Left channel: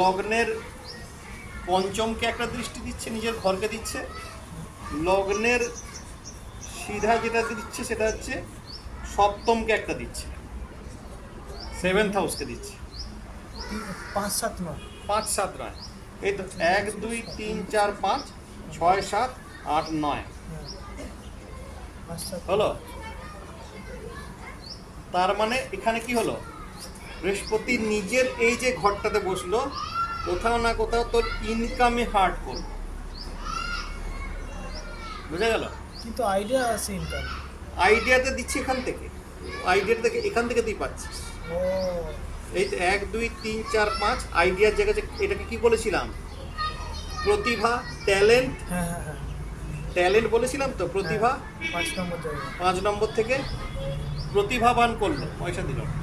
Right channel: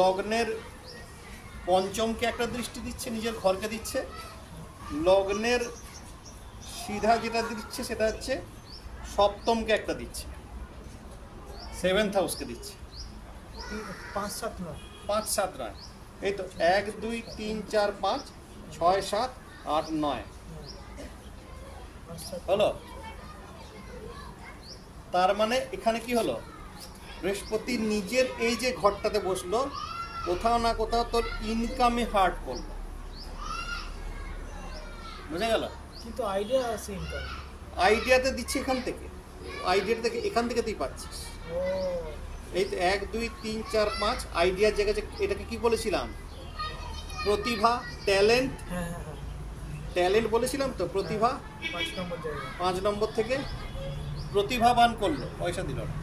লগ্নের পঞ্চমকে একটা দৃষ্টি দিচ্ছে, নিজের ঘরকে দিচ্ছে। লগ্নের সিধা যেটা দিচ্ছে সেটা হচ্ছে সপ্তমকে একটা দিচ্ছে, 7th হাউসকে দিচ্ছে। 5 7 9। 5 7 নয়, এই তো 1 2 3 4 5 6 7 8 9 5 7 হলো। তার মানে এখানে কি হলো, বৃহস্পতি নিজের এই যে ঘরটাতে বসলো, কোথাও না কোথাও তোর ইনকামে হার্ট করলো। বুঝা গেল? কিন্তু আইডিয়া আছে ইনকাম। আইডিয়াতে দিচ্ছি এখান থেকে, আইডিয়াটা থেকে এখান থেকে তুই পাচ্ছিস। ও এই তো 1 2 3 4 5 আইডিয়ার জায়গায় এটাকে কি বলেছিলাম, প্রতিভা, ট্যালেন্ট। হ্যাঁ হ্যাঁ হ্যাঁ ট্যালেন্ট বলেছিলাম তো, প্রতিভা। 5 নম্বর জায়গা। 5 নম্বর থেকে প্রতিভাবান করলো, পয়সা দিল না।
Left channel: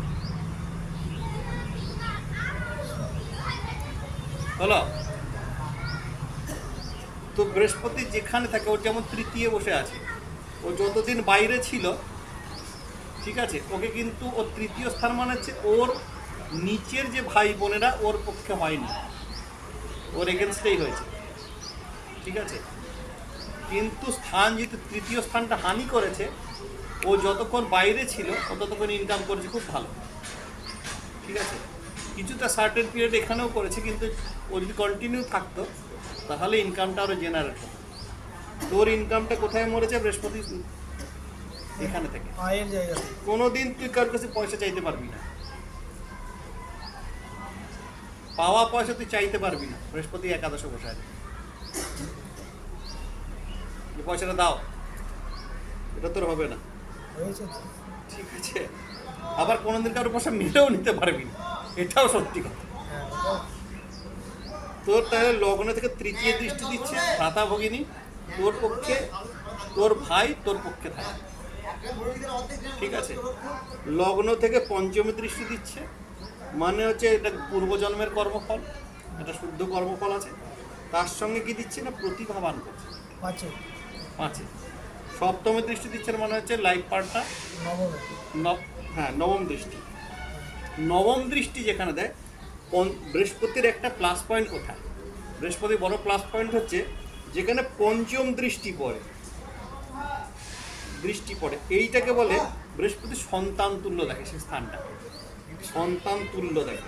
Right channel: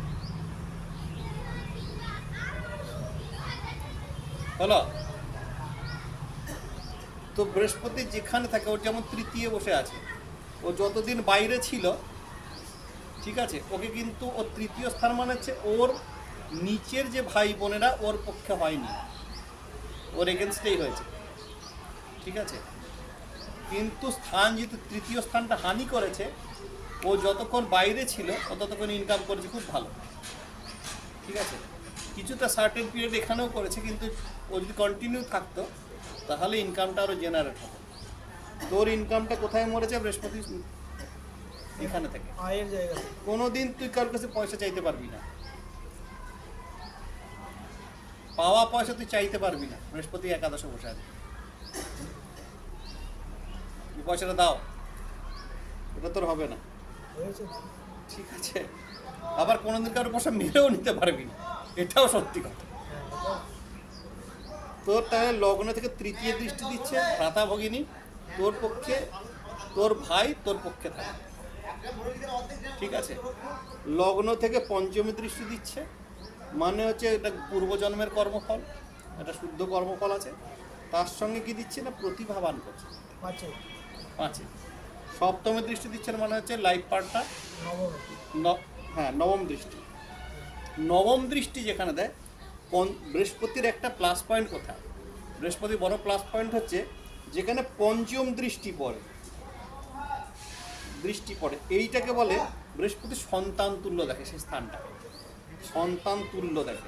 হলো। তো বৃহস্পতি যেখানে থাকে, ওর যেমন তৃতীয় বসে আছে, ও যতদিন বাইরে ছিল, ঠিক আছে, ওকে কিন্তু ওর তৃতীয় স্থান মানে হচ্ছে ওর নিচের যে ভাই বোনেরা ওর পক্ষে হয়নি, ওর এগেনস্টেই হয়েছে, ঠিক আছে। কিন্তু স্থান যেহেতু তৃতীয় স্থানটা হানি করেছে, ও যতক্ষণ বাইরে ছিল ও ততক্ষণ ইনকাম করেছে খুব ভালো, ঠিক আছে। কিছুটা সার্টেন পিরিয়ড এখানেও করেছে, কিন্তু ও যদি কন্টিনিউ থাকতো তাহলে ইনকামটা আরও জেনারেট হতো। তোর ইনকামটা কোথায় মরেছে, বৃহস্পতি এখানে থেকে। আয়ের জায়গাতে। কোনোদিন তুই কারোর কাছে পয়সা চাইতে পারবি না, পাওয়া পয়সা তুই চাইতে পারবি না। বৃহস্পতি একাদশে বসে আছে, যে পয়সাটা দাও, এটা তোর হবে না, হয়েছে তো? ঠিক আছে। আবার কোনোদিন কারোর পয়সা মেরেও নিতে পারবি না, এটাও সত্যি কথা। হ্যাঁ ওটাও। তোর তাহলে লগ্ন থেকে তৃতীয় দৃষ্টি দিচ্ছে ভাতা ভগিনী, তোর পক্ষে, তোর ভাই তোর পক্ষে থাকে, ঠিক আছে। লগ্ন থেকে পঞ্চমী দৃষ্টি দিচ্ছে, মানে হচ্ছে এটা পূর্বজন্মের কর্মফল, এটা শুদ্ধ কর্মফল আছে। তার সঙ্গে কি দিচ্ছে না, প্রতিভাবান করছে। 5 5-এ সপ্তমী দৃষ্টি দিচ্ছেন, মানে হচ্ছে লাইফ পার্টটা। নবমে। হ্যাঁ, নবম দৃষ্টি। নবম দৃষ্টি যেখানে দেয়, বৃহস্পতির একটা প্লাস পয়েন্ট কোথায়, বৃহস্পতি বড় প্লাস পয়েন্ট হচ্ছে যেখানে পঞ্চম দৃষ্টি পড়ে, এইটাকে বলে বৃহস্পতি সন্তান তুল্য দেখে, সেই স্থানটা সন্তান তুল্য দেখে।